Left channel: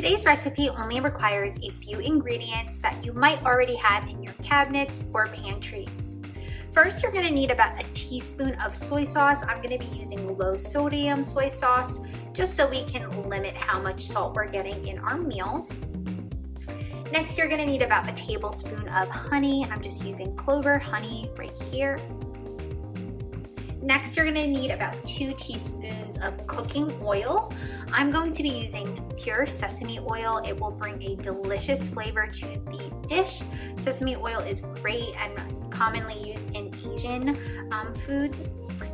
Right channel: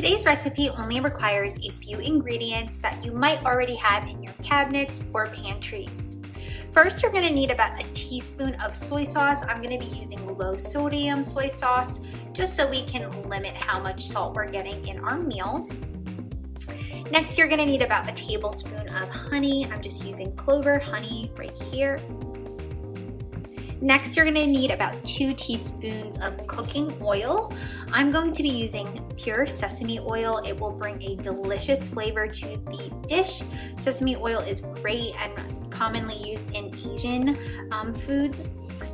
Today's recipe only requires a few ingredients that you might already have in your cabinets or pantries. First, you're going to need about a teaspoon of soy sauce. I'm going to be using low sodium soy sauce just so we can limit how much salt we're getting in our meal. Next, you're going to need about a tablespoon of honey. I'm just using clover honey right here. Next, you're going to need about 2 teaspoons of cooking oil. I'm going to be using pure sesame oil. It will bring a delicious flavor to the dish. Sesame oil is great and commonly used in Asian foods.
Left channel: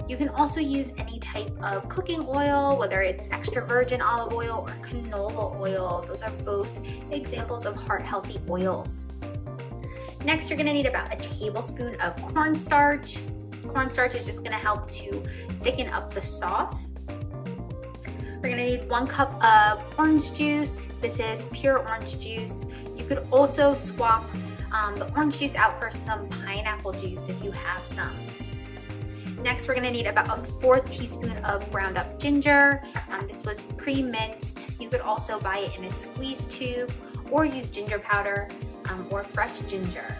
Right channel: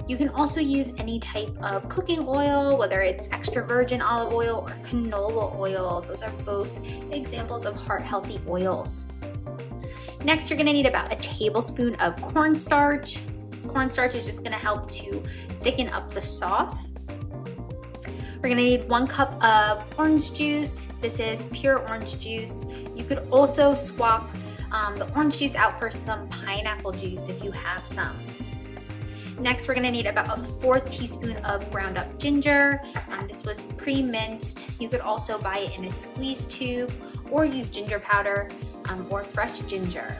You can also use any type of cooking oil, whether it's extra virgin olive oil or canola oil. Those are both examples of heart-healthy oils. Next, you're going to need about a tablespoon of cornstarch. Cornstarch is just going to help to thicken up the sauce. We're going to need 1 cup of orange juice. This is pure orange juice. You could also swap the orange juice out for some pineapple juice if you have some. Next, we're going to need about a 1/4 teaspoon of ground up ginger. This was pre-minced. You could also buy it in a squeeze tube or use ginger powder or fresh ginger.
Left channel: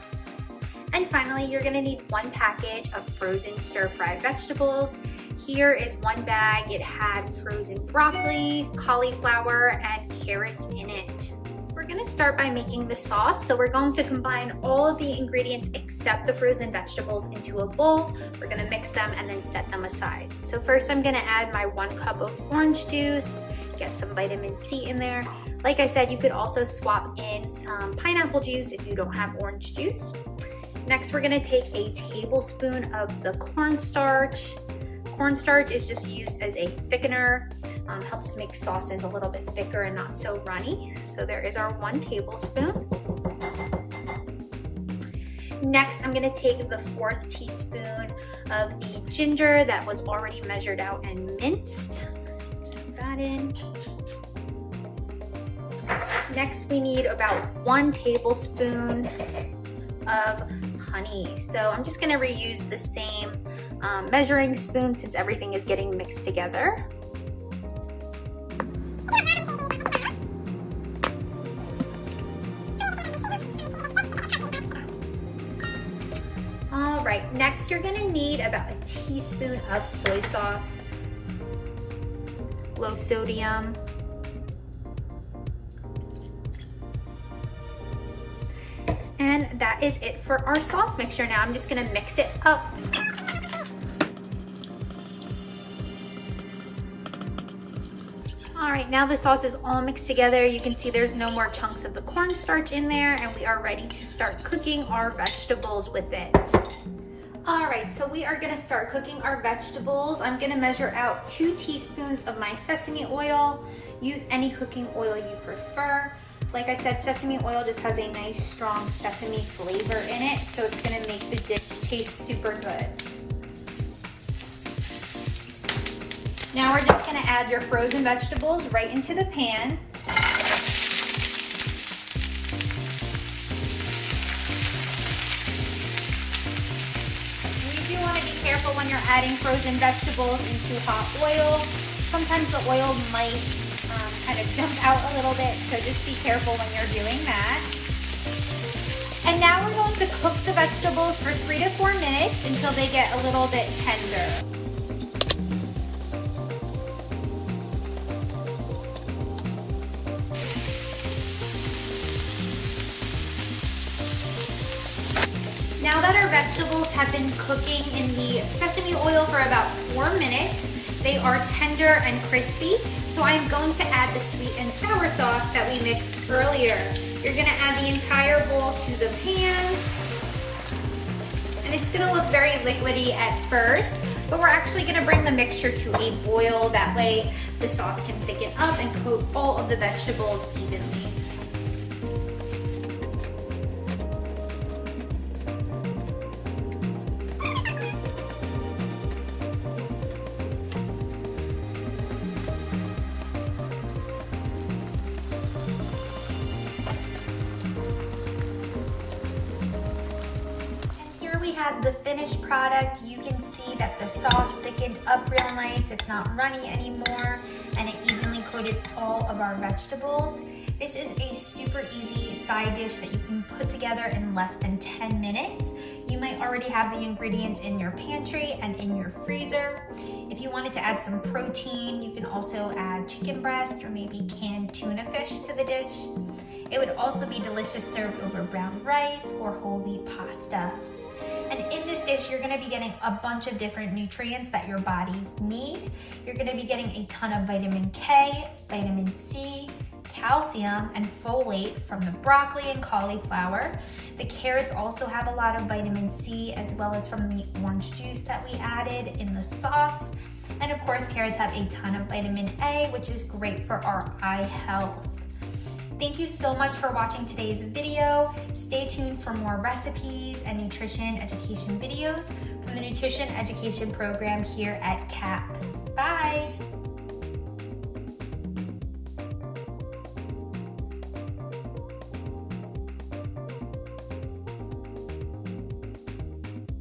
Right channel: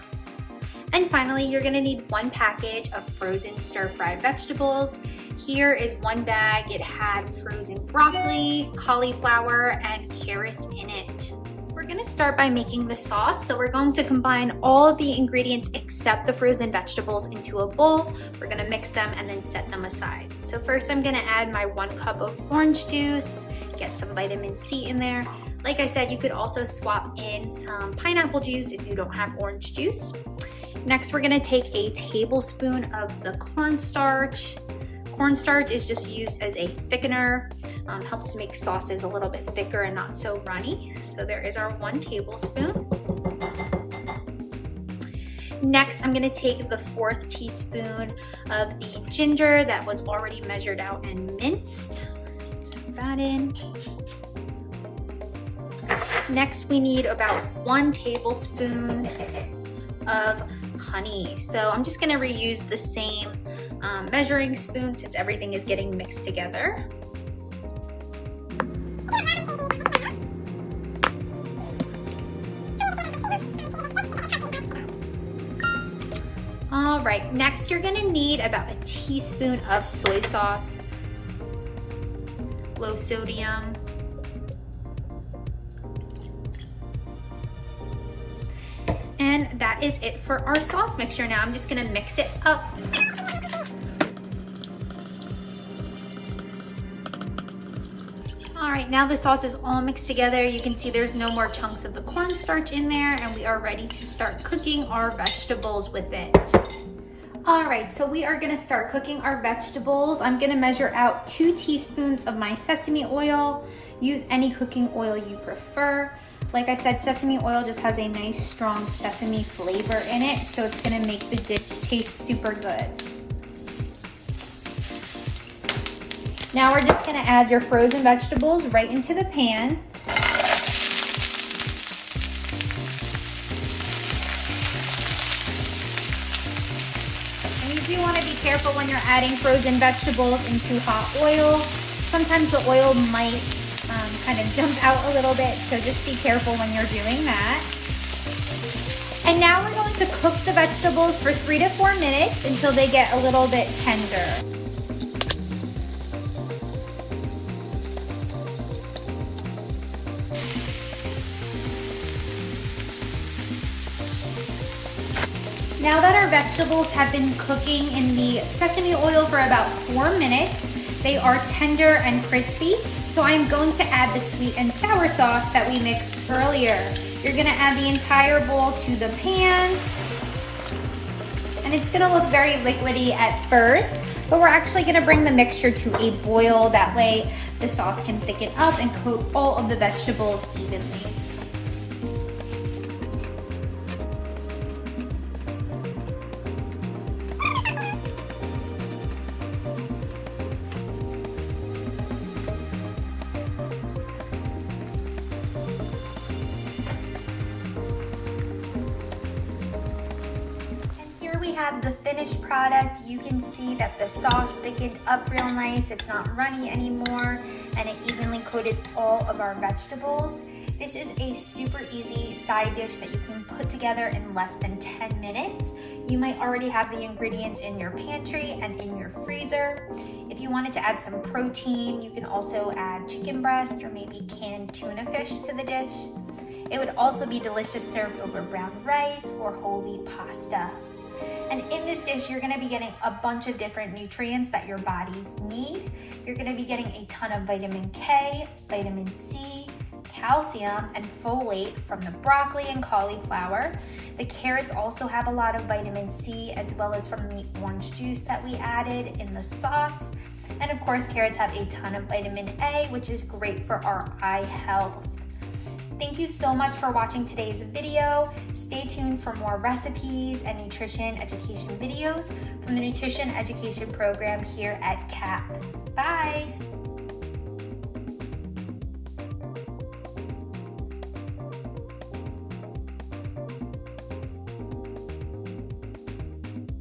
And finally, you're going to need 1 package of frozen stir-fried vegetables. Here is 1 bag. It had frozen broccoli, cauliflower, and carrots in it. We're going to start by making the sauce. So we're going to combine all of the ingredients except the frozen vegetables into a bowl. We're going to mix them and then set them aside. So first I'm going to add my 1 cup of orange juice, get some vitamin C in there. Like I said, you could also swap in some pineapple juice if you don't have orange juice. Next, we're going to take a tablespoon of the cornstarch. Cornstarch is just used as a thickener, helps to make sauces a little bit thicker and not so runny. So there is our 1 tablespoon. Next, I'm going to take the 1/4 teaspoon of the ginger that was already measured out and minced. Put that in. Next, we need about 1 tablespoon of honey. So I'm just going to reuse the same measuring spoon since everything is getting mixed together. All right, next you're going to need about a teaspoon of soy sauce, low sodium. And that is it for our sauce mixture. Now I'm just going to mix it up. All right, now the sauce is all mixed together. You can see there's no more chunks of the cornstarch in there, and we are ready to start cooking our vegetables with it. All right, so we are gonna start cooking our vegetables. I'm gonna measure out 2 teaspoons of my sesame oil. Use any cooking oil you prefer. Like I said, sesame oil just has a nice strong sesame flavor in it, so it's gonna make the dish taste super good. Now we're just gonna add your frozen vegetables right into the pan. And you do wanna be careful when you're adding frozen vegetables into hot oil. Sometimes the oil might kind of jump out a little bit, so just be careful when you're doing that. And now we're going to cook the vegetables for 3 to 4 minutes until they get a little bit tender. Now that our vegetables have been cooking in the sesame oil for about 4 minutes, they are tender and crispy. So I'm going to add the sweet and sour sauce that we mixed earlier. You're gonna add the entire bowl to the pan. And it's gonna look very liquidy at first, but we're actually gonna bring the mixture to a boil. That way the sauce can thicken up and coat all of the vegetables evenly. We have the finished product. You can see that the sauce thickened up real nice. It's not runny anymore, and it evenly coated all of our vegetables. This is a super easy side dish that you can put together in less than 10 minutes. You might already have the ingredients in your pantry and in your freezer. If you wanted to add some protein, you can also add chicken breast or maybe canned tuna fish to the dish. It would also be delicious served over brown rice or whole wheat pasta. And in this dish, you're gonna be getting a bunch of different nutrients that your bodies need. You're gonna be getting a ton of vitamin K, vitamin C, calcium, and folate from the broccoli and cauliflower. The carrots also have a lot of vitamin C, as well as from the orange juice that we added in the sauce. And of course, carrots have a ton of vitamin A, which is great for our eye health. Thank you so much for watching today's video. Stay tuned for more recipes and nutrition education videos from the Nutrition Education Program here at CAP. Bye!